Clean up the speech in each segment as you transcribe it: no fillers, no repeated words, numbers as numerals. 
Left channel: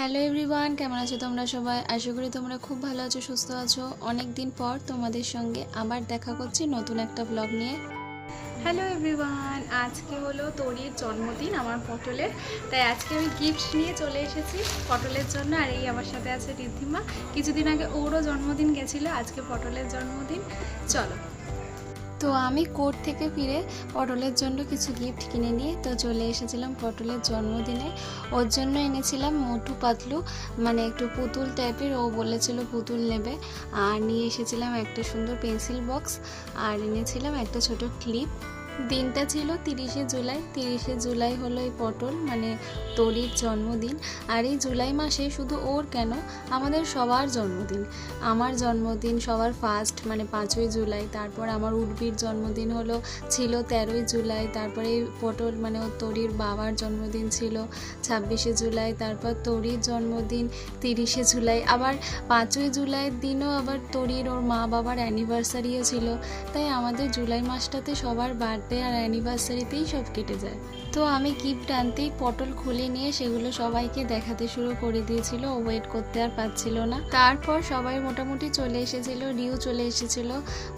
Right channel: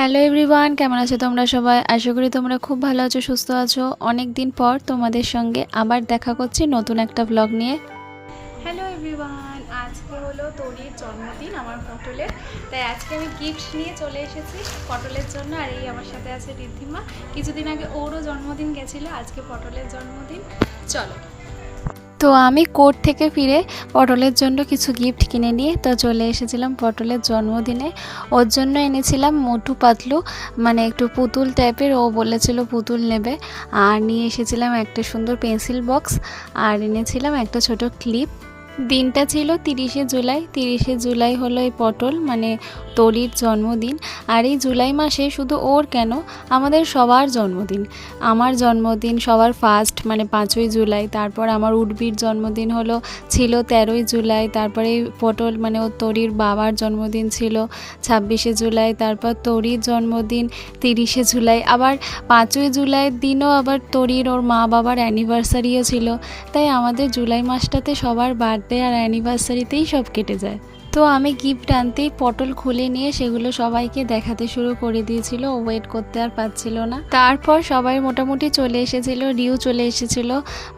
Hello everyone, কেমন আছো তোমরা সবাই? আশা করি তোমরা খুব ভালো আছো, সুস্থ আছো। অনেক দিন পর তোমাদের সঙ্গে আবার দেখা করছি নতুন একটা ব্লগ নিয়ে। হ্যালো এভরিওয়ান, আজকে হলো তরির জন্মদিন, আমার পটলের। তাই আজকে আমি গিফট নিয়ে চলে এসেছি পটলের জন্য। আর এই আমার সাথে আছে রিদ্ধিমা। কিছুদিন আগে ওরও জন্মদিন গেছিলো, আজকে পটলের জন্মদিন। চলো। তো আমি কোর্ট থেকে ফিরে পটলের জন্য কিছু গিফট কিনে নিয়ে তো চলে এসেছিলাম পটলের জন্মদিনে। ওর জন্য এনেছিলাম মোটু পাতলু, মানে একটু পুতুল টাইপের, ও বলেছিল পুতুল নেবে। আর নিয়ে এসেছিলাম একটা সুন্দর পেন্সিল বক্স, আর এনেছিলাম একটা ছোট ক্লিপ। দিনটা ছিল 30শে জুলাই। 30শে জুলাই হলো এই পটল মানে তরির জন্মদিন। আর এই জুলাই মাসে শুধু ওর কেন, আমাদের সবার জন্মদিন। আমার জন্মদিন সবার ফার্স্ট মানে 5ই জুলাই। তারপর আমার উর্বির জন্মদিন ছিল 13ই জুলাই। তারপরে পটল মানে ও তরির বাবার জন্মদিন ছিল 26শে জুলাই। তারপর তরির জন্মদিন 30শে জুলাই। আবার 5ই জুলাইয়ের দিনও আবার তরির ওর মা বাবার অ্যানিভার্সারিও ছিল। তাই আমাদের জুলাই মাসটাতে সবার বার্থডে আর অ্যানিভার্সারিতেই সব কেটে যায়। তো আমি গিফট আনতেই পটল খুলে নিয়ে সেগুলো সবাইকে দেখাতে শুরু করে দিয়েছিল। ও ওয়েট করতে আর পারছিল না। তারপর সবাই মোটামুটি চলে এসেছিল, রিউ চলে এসেছিল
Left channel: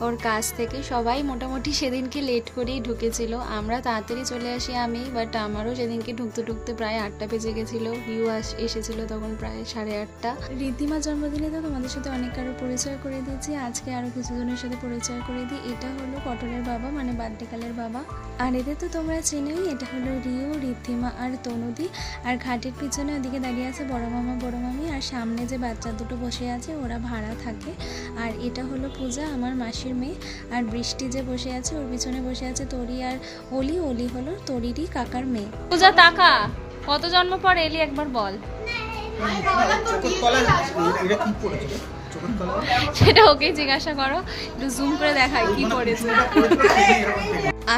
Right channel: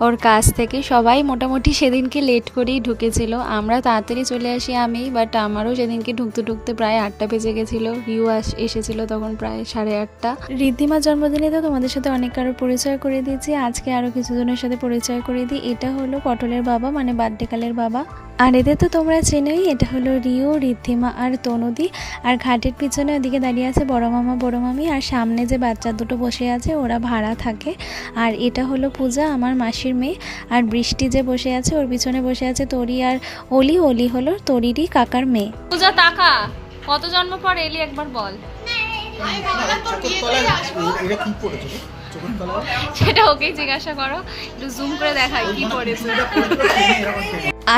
ওর কাছ থেকে। সবাই মোটামুটি সেদিনকে লেট করেই ঢুকেছিল। আমরা তাড়াতাড়ি চলে আসি আমি, বাট আমারও সেদিনকে ঢুকতে ঢুকতে প্রায় 8টা বেজে গেছিলো। রিউ এসেছিল তখন প্রায় 8:30। রিদ্ধিমার জন্মদিনে তো তোমাদের সাথে অনেক কারো পরিচয় করে দিয়েছি, আজকে আরও কিছুজনের সাথে পরিচয় করে দিই। এটা হলো পটলের বাবা মানে বার্থডেকালের বাবা। আর এদের তো তোমরা চেনোই, এটা হলো রিউ, রিদ্ধিমা আর তনুদি। আর ঘাটের পিছনে ওদিকে দাঁড়িয়ে আছে বড় মামা বড় মামি। আর সামনে যে বাচ্চা দুটো বসে আছে ওরা ভাড়া থাকে। আর এটা হলো পূজা, আমার মাসির মেয়ে। আর বৃষ্টি যে বসে আছে ওর পিছনে বসে আছে তরি আর অলি। অলি হলো তরিরই কাকার মেয়ে। পূজা টাকা কত জন্ম পর এলি একবার বল। সেটা ওকেই জিজ্ঞাসা করো, একটু জুম করে দেখাই কি পড়েছে।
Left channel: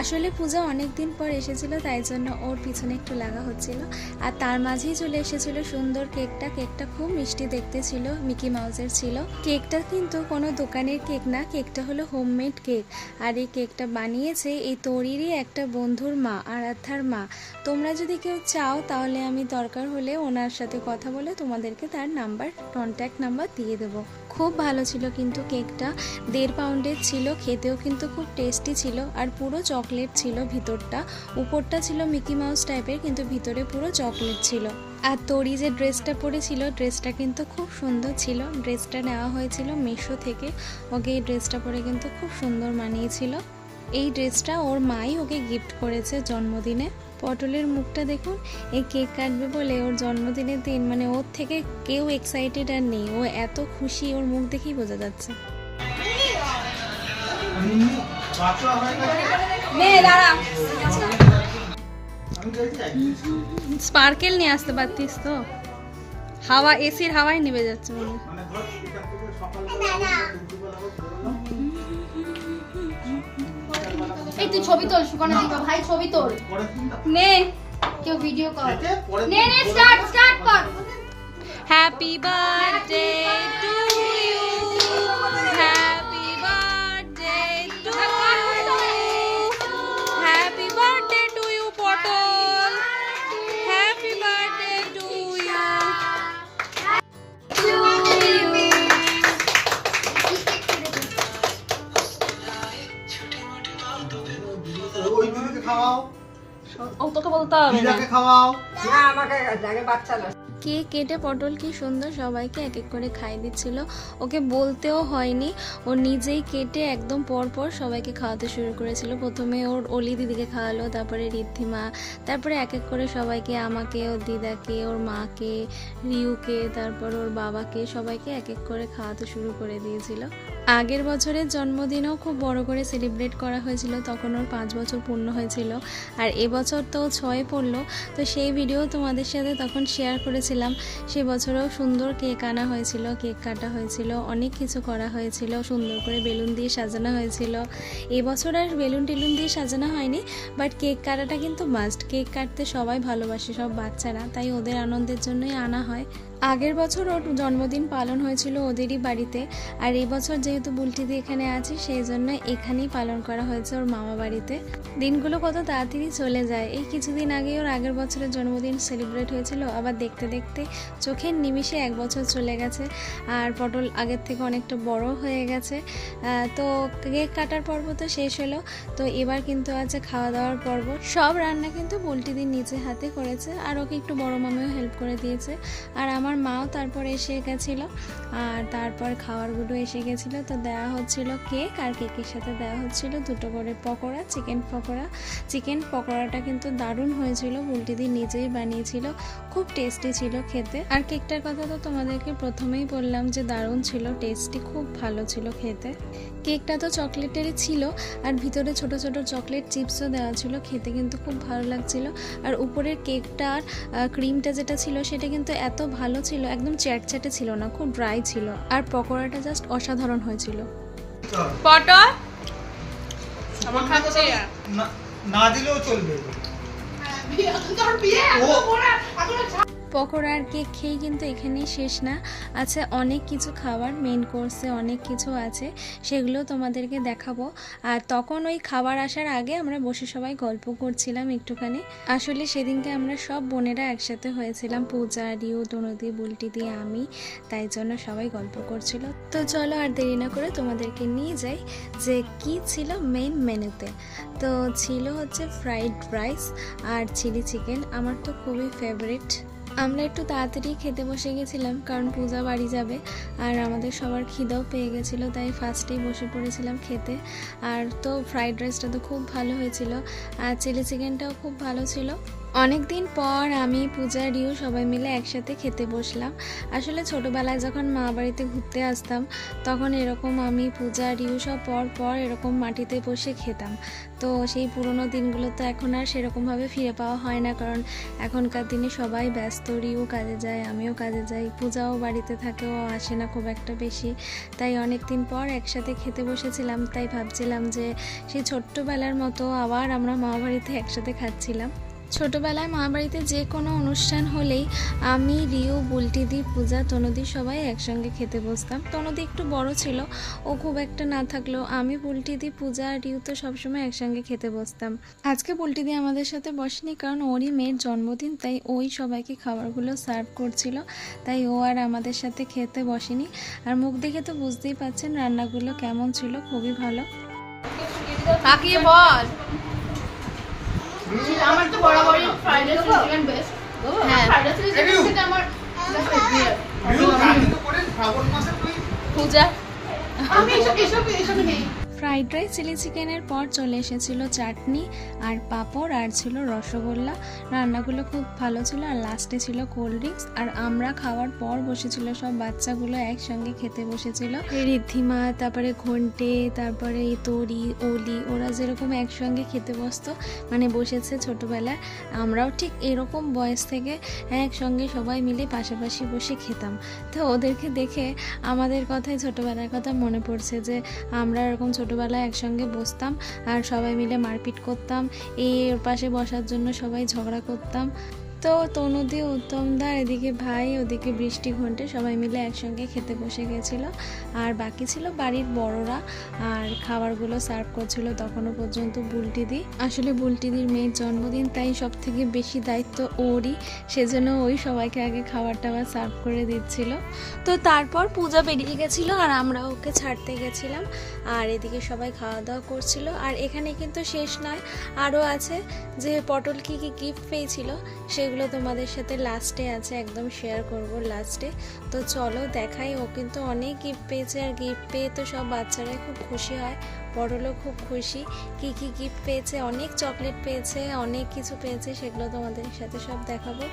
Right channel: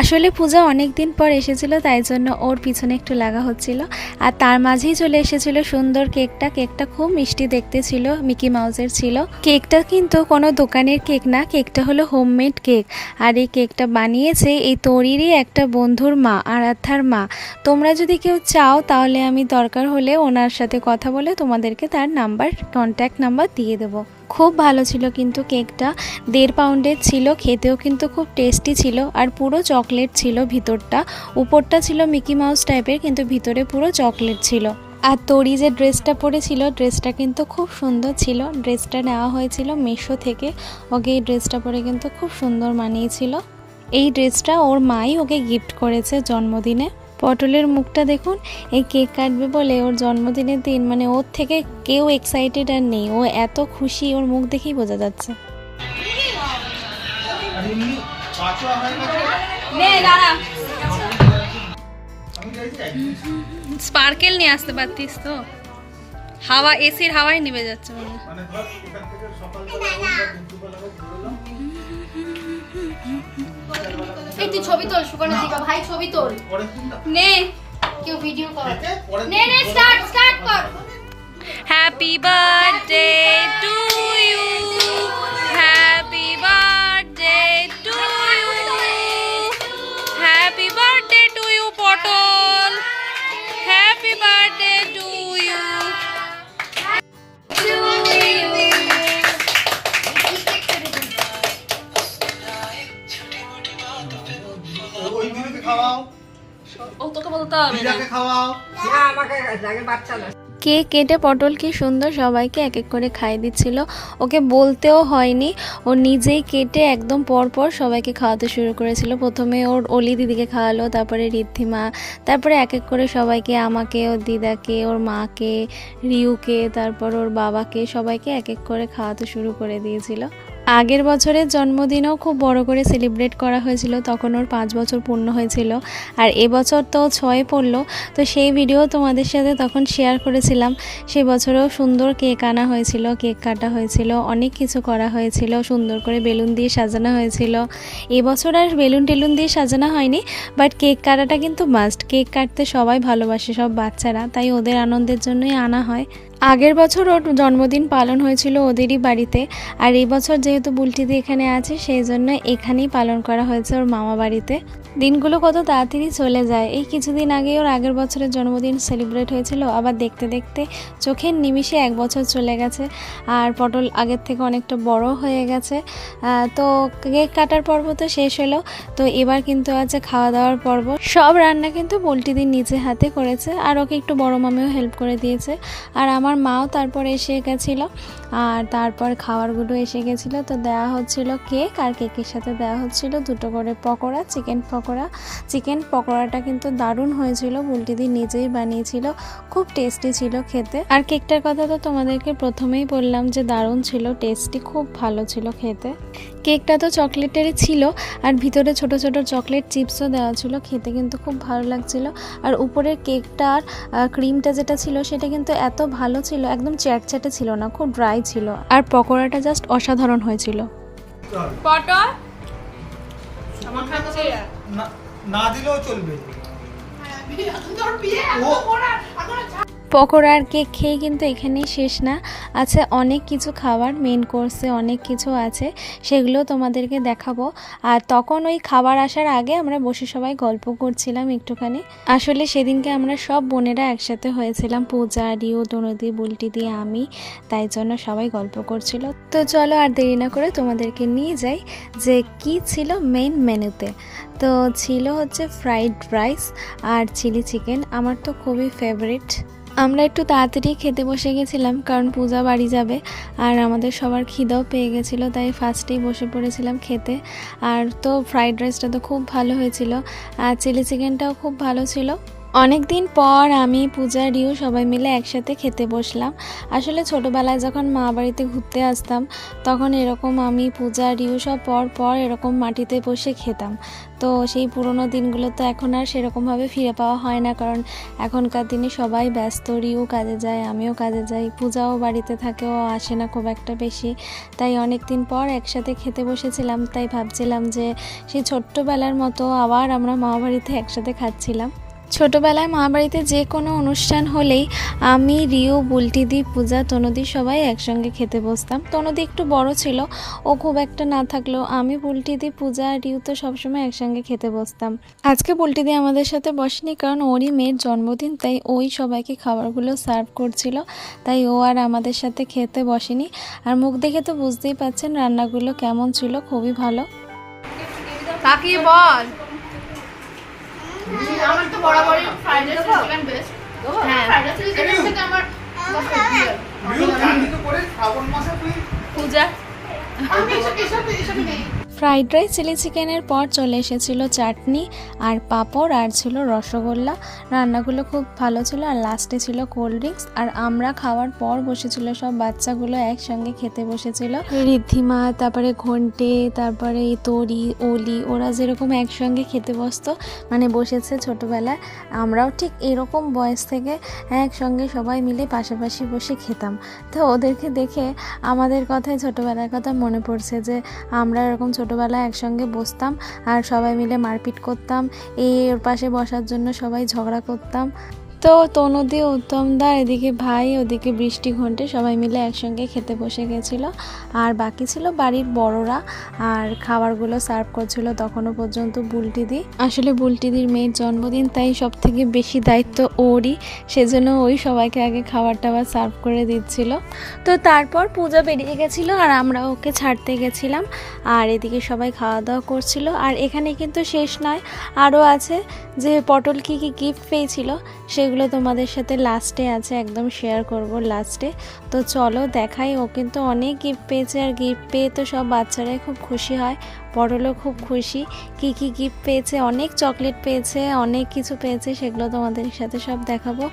আসলে পূজা অনেক দিন পর এসেছিল, তাই জন্য ওর পিছনে একটু লাগা হচ্ছিল। আর তার মাঝেই চলে এসেছিল সুন্দর কেকটা। কেকটা খুব মিষ্টি দেখতে ছিল, মিকি মাউসের ছিল। কেকটা কিন্তু কোনো দোকানের কেক না, কেকটা হলো হোমমেড কেক। আর এই কেকটা বানিয়েছে এই তরিরই একটা বন্ধুর মা, আরাধ্যার মা। তোমরা যদি কেউ চাও তাহলে আমি দরকার হলে ওনার সাথে কথা বলে তোমাদেরকে তার কন্ট্যাক্ট নাম্বার দিয়ে দেবো। খুব ভালো ছিল কিন্তু কেকটা, 1.5 পাউন্ডের ছিল। খেতেও কিন্তু খুব টেস্টি ছিল। আর পুরো চকলেট ছিল ভিতরটা, উপরটা ছিল মিকি মাউস টাইপের কিন্তু ভিতরে পুরো চকলেট ছিল। আর তরি যে ড্রেসটা পরেছিল ড্রেসটা কিন্তু খুব সুন্দর ছিল। ড্রেসটা নেওয়া হয়েছিল মিশো থেকে। ওকে এই ড্রেসটা পরে কিন্তু খুব সুন্দর মানিয়েছিল। এই ড্রেসটা ওর মাই ওকে গিফট করেছে জন্মদিনে। পটলের মুখটা দেখুন, এই কেক কাটবে বলে ওর জন্মদিনের দিন মানে ওর থেকে কেউ এক্সাইটেড আর নেই। ও এত খুশি, ওর মুখ দেখেই বোঝা যাচ্ছে। স্পার্কেল নিয়ে আসতে পারতিস তো, হাওয়া এসির হাওয়াই নিভে যাচ্ছে মনে হয়। এই তুই ছবি তোল, শুকানো দিবা ভাই, ছবি তোল নে, কেউ ভিডিও কর নে নে, স্টার্ট কর। Happy birthday to you, happy birthday to you, happy birthday to you Potol, happy birthday to you. ও তোকে বলতে হবে না। কেক কেটে পটল কি সুন্দর সবাইকে এক এক করে খাইয়ে দিচ্ছিল। ওকে বলতেও হয়নি, ও নিজেই কেটে একদম পরপর সবাইকে খাওয়াতে শুরু করেছিল। প্রথমে ওর অলি দিদিকে খাওয়ালো, তারপরে রিদ্ধিমা, তারপরে এক এক করে সবাইকে, আমাকে, ওর দিদাকে, ওর মাকে, রিউকে, তারপর ওর বাবাকে, সবাইকে এক এক করে খাওয়াতে শুরু করে দিয়েছিল। আগের বছরের জন্মদিনও খুব বড় করে সেলিব্রেট করা হয়েছিল, তখন ওর 5 বছর পূর্ণ হয়েছিল। আর এবছর তো 6 পড়লো, তো সেই ভিডিও তোমাদের সাথে তখন শেয়ার করেছিলাম। সে বছরেও সুন্দর কেক আনা হয়েছিল, কেক কাটা হয়েছিল, অনেক কিছু করা হয়েছিল, সুন্দর করে বেলুন দিয়ে সাজানো হয়েছিল। এবছর আর বেলুন টেলুন দিয়ে সাজানো হয়নি, বাট কেক কাটাটা কিন্তু মাস্ট। কেক কাটতে সবাই ভালোবাসে, সব বাচ্চারা, তাই ওদের আনন্দের জন্যই আনা হয়। আগের বছর ওর জন্মদিন পালন হয়েছিল ওদেরই বাড়িতে, আর এই বছর যেহেতু বুলটিদি এখানে আছে সেই জন্য এখানেই পালন করা হয়েছে ওর মামা বাড়িতে। দিনগুলো কত তাড়াতাড়ি চলে যায়। এই কিছুদিন আগে ওর আগের বছরের জন্মদিন সেলিব্রেট হয়েছিল, আবার দেখতে দেখতে চোখের নিমিষে 1 বছর চলে গেছে। আর পটল আগের থেকে অনেকটা বড় হয়ে গেছে। তো কেক কাটার পর্ব তো শেষ হলো, তো এবার কিন্তু আছে খাওয়া দাওয়ার পর্ব। সব রান্না কিন্তু বুলটিদির নিজে হাতে করেছে, আর ওকে একটু বড় মামিও হেল্প করে দিয়েছে। আর আমার মাও তারপর এসে গেছিলো, আর তারপর খাবারগুলো এসে গেছিলো। তো দেওয়া হচ্ছিল কেক, আর কেকের সাথে দেওয়া হচ্ছিল 2টো করে পকোড়া, চিকেন পকোড়া। চিকেন পকোড়াটা কিন্তু দারুণ হয়েছিল, বুলটিদি নিজেই বানিয়েছিল, খুব টেস্টি ছিল খেতে। আর কেকটার কথা তো তোমাদেরকে প্রথমেই বললাম যে দারুণ ছিল, টেস্টি, খুব ভালো ছিল খেতে। কেকটা তো চকলেটেরই ছিল, আর ভিতরে ছোট ছোট চকলেট চিপসও দেওয়া ছিল, খেতে কিন্তু খুব ভালো লাগছিল। আর উপরের কেকটার ক্রিমটা যেটা ছিল সেটা কিন্তু এত ভালো ছিল, একদম চ্যাটচ্যাটে ছিল না, খুব ড্রাই ছিল। আর পকোড়াটা জাস্ট অসাধারণ হয়েছিল। পটল আমার খাচ্ছি না দিলেও চলবে। পকোড়া আর কেক খেয়ে কিন্তু এখানেই শেষ না, আছে অনেক কিছু খাবার, মেন কোর্সে অনেক কিছু আছে, সেগুলো তোমাদেরকে দেখাবো। আর তখন ওই খাবার আসার আগে আমরা বসে সবাই গল্প করছিলাম একটুখানি। আসলে সেদিনকে আমরা সব বোনেরা একসাথে হয়েছিলাম, পূজা, রিও, তনুদি, বুলটিদি, আমি, তাই জন্য সবাই গল্প করছিল। তো চলো আর দেরি না করে তোমাদেরকে নিয়ে যাই যে কি ছিল মেইন মেনুতে। তো ছিল হচ্ছে ফ্রাইড রাইস আর চিলি চিকেন, আমার তো খুবই ফেভারিট। আমরা একটু তাড়াতাড়ি খেতে বসে গেছিলাম, কারণ পূজা বাড়ি যাবে, আর আমাদের সবার খিদেও পেয়ে গেছিলো, তাই ফার্স্টেই বসে পড়েছিলাম খেতে। আর তো ফ্রাইড রাইসটা তো খুব ভালো হয়েছিল, আর চিলি চিকেনটাও খুব ভালো ছিল। অনেক দিন পর আমি, পূজা, রিউ সবাই মিলে একসাথে খেতে বসলাম। আসলে ছোটোবেলায় যখন মা বাড়িতে ঘুরতে আসতাম তখন এরকম আমি, পূজা, রিউ সব পর এরকম মাটিতে বসে খেতাম। তো সেই পুরোনো দিনগুলো তো এখন আর সেরকমভাবে ফিরে পাওয়া হয় না, কারণ এখনকার দিনে সবাই ব্যস্ত, রিউ কাজে যায়, আমিও কাজে যাই, পূজাও বাড়িতে থাকে, ও আসে না খুব একটা বেশি। তাই অনেক দিন পর একসাথে খেতে বসেছিলাম, তাই ভাবছিলাম যে সেই ছোট্টবেলার মতো আবার আমরা মা বাড়িতে একসাথে খাচ্ছিলাম। ছোটোবেলায় মা বাড়িতে যে কোনো অনুষ্ঠান হলেই আমি, রিউ, বুলটিদি, পূজা, তনুদি সবাই একসঙ্গে খেতে বসতাম। তনুদি একটু বড় ছিল, ও খুব একটা না থাকলেও আমি, বুলটিদি, পূজা, রিউ তো সবসময় একসঙ্গে খেতে বসতাম। আজকে বুলটিদি আমাদের সাথে বসেনি, কারণ ওরই মেয়ের জন্মদিন, তাই ওই সবাইকে খাবারগুলো সার্ভ করছিল, তাই ও আর আমাদের সাথে খেতে বসেনি। আর মুখ দেখে তো বুঝতেই পারছেন রান্নাগুলো কেমন ছিল, খুবই ভালো। কাকি বল। আমার তো বরাবরই ফ্রাইড রাইস চিকেন বেস্ট। হ্যাঁ, ফ্রাইড রাইস চিকেন থেকে আমার শ্রাবণ মাসে তুই পূজা আমি এসব নেই। ফ্রাইড রাইস, চিলি চিকেনের পর চলে এসেছিল চাটনি আর পাঁপড়, আর ছিল রসগোল্লা। রান্নাগুলো খুব ভালো ছিল, আর লাস্টে ছিল কোল্ড ড্রিঙ্কস। আর আমরা খাওয়ার পর বসেছিল সব বাচ্চাগুলো একসঙ্গে খেতে বসেছিল, ঋদ্ধিমা, তারপরে ঘন্টে, তারপরে তরি, অলি, ওরা যেরকম একসঙ্গে খেতে বসতো, মানে বসেছে ছোটোবেলায়, আমরাও ঠিক এরকম বয়স থেকে একসঙ্গে সবাই মিলে পাশাপাশি বসে খেতাম। তো ওদেরকে দেখে আমাদের কথায় ছোটোবেলার কথা মনে পড়ছে, যে আমরা এরকম ছোটোবেলায় একসঙ্গে বসতাম আর সবাই মিলে মারপিট করতাম, ওর পাশে বসার জন্য সবাই ঝগড়া করতাম। তো তনুদি, উত্তমদা, এদিকে ভাই, ওদিকে বৃষ্টি, ঘন্টে সবাই মিলে একসঙ্গে খেতে বসে গেছিলো। আর বাকি ছিল বাড়ির বড়রা, আর খাবারগুলো সার্ভ করছিল তখনও পর্যন্ত বুলটিদি। আসলে বুলটিদির মেয়ের জন্মদিন, তাই সব থেকে বেশি দায়িত্ব ওরই, সেজন্য ওই সবাইকে আগে খাবার টাবার সার্ভ করে দিচ্ছিল। তো তারপর পূজা বেরিয়ে গেছিলো, আর আমরা ওকে ছাড়তে গেছিলাম, আর এদিকে সবাই খাওয়া দাওয়া করছিল। আর এখানে কিন্তু শেষ নয়, আরও আছে, যে পটল কী কী গিফট পেয়েছিল সেগুলো তোমাদের সাথে লাস্টে আছে, একদম শেয়ার করব লাস্টে। তো চলো দেখাই। ও কিন্তু অনেক গিফট পেয়েছে, আর গিফট পেয়ে তো সব বাচ্চারাই খুব খুশি হয়, পটলও খুব খুশি। কি কি গিফট পেয়েছে, অনেক চকলেট পেয়েছে, অনেক কিছু পেয়েছে, সেগুলো তোমাদের সাথে সব দেখাবো।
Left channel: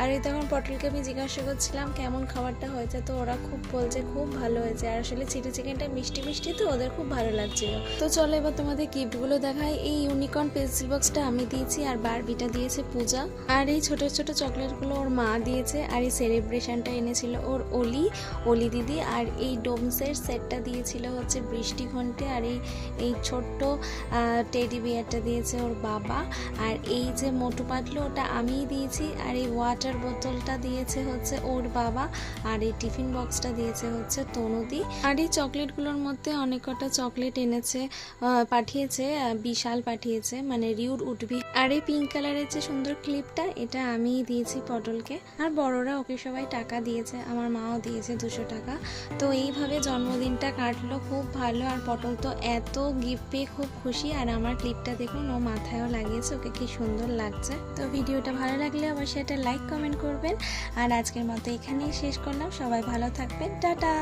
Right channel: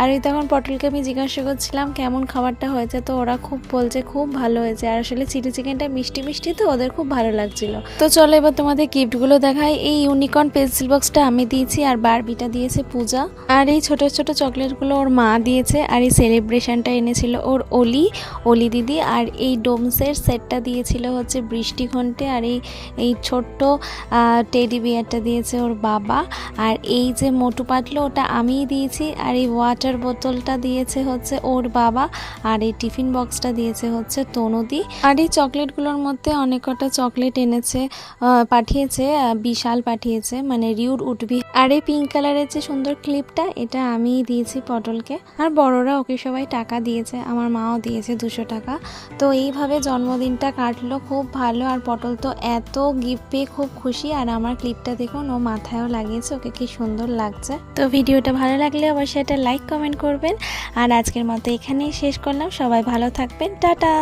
আর এই তখন পটলকে আমি জিজ্ঞাসা করছিলাম কেমন খাবারটা হয়েছে, তো ওরা খুব বলছে খুব ভালো হয়েছে। আর আসলে চিলি চিকেনটা মিষ্টি মিষ্টি, তো ওদের খুব ভালো লাগছিল। তো চলো এবার তোমাদের গিফটগুলো দেখাই। এই ইউনিকর্ন পেন্সিল বক্সটা আমি দিয়েছি, আর বারবিটা দিয়েছে পূজা, আর এই ছোট ছোট চকলেটগুলো ওর মা দিয়েছে, আর এই সেলিব্রেশনটা এনেছিল ওর অলি দিদি, আর এই ডোমসের সেটটা দিয়েছিল হচ্ছে বৃষ্টি, ঘন্টে, আর এই এই ছোট্ট টেডি বিয়ারটা দিয়েছে ওর বাবা, আর এই যে মোটু পাতলু ওটা আমিই দিয়েছি, আর এই ওয়াটার বোতলটা দিয়েছে হচ্ছে ওর বাবা, আর এই টিফিন বক্সটা দিয়েছে হচ্ছে তনুদি। আর এই চকলেটগুলোর মধ্যে অনেক কটা চকলেট এনেছে, পাঠিয়েছে, বিশাল পাঠিয়েছে, মানে রিউর উঠবি। আর এই পিঙ্ক কালারের যে সুন্দর ক্লিপটা এটা আমিই দিয়েছি পটলকে। আর বড়রা ওকে সবাই টাকা দিয়েছে, আমার মাও দিয়েছে 200 টাকা। তো এইভাবে জন্মদিনটা কাটলো খুব ভালো। আর পটল তো এত গিফট পেয়ে খুব খুশি। আর আমার ক্লিপটা দেখুন ও মাথায়ও লাগিয়েছে, ওকে কি সুন্দর লাগছে। তো ভিডিওটা ভালো লাগলে অবশ্যই এটা লাইক কমেন্ট করবেন। আর আজকের মতো এখানেই শেষ করলাম, সবাই ভালো থাকবেন, টাটা।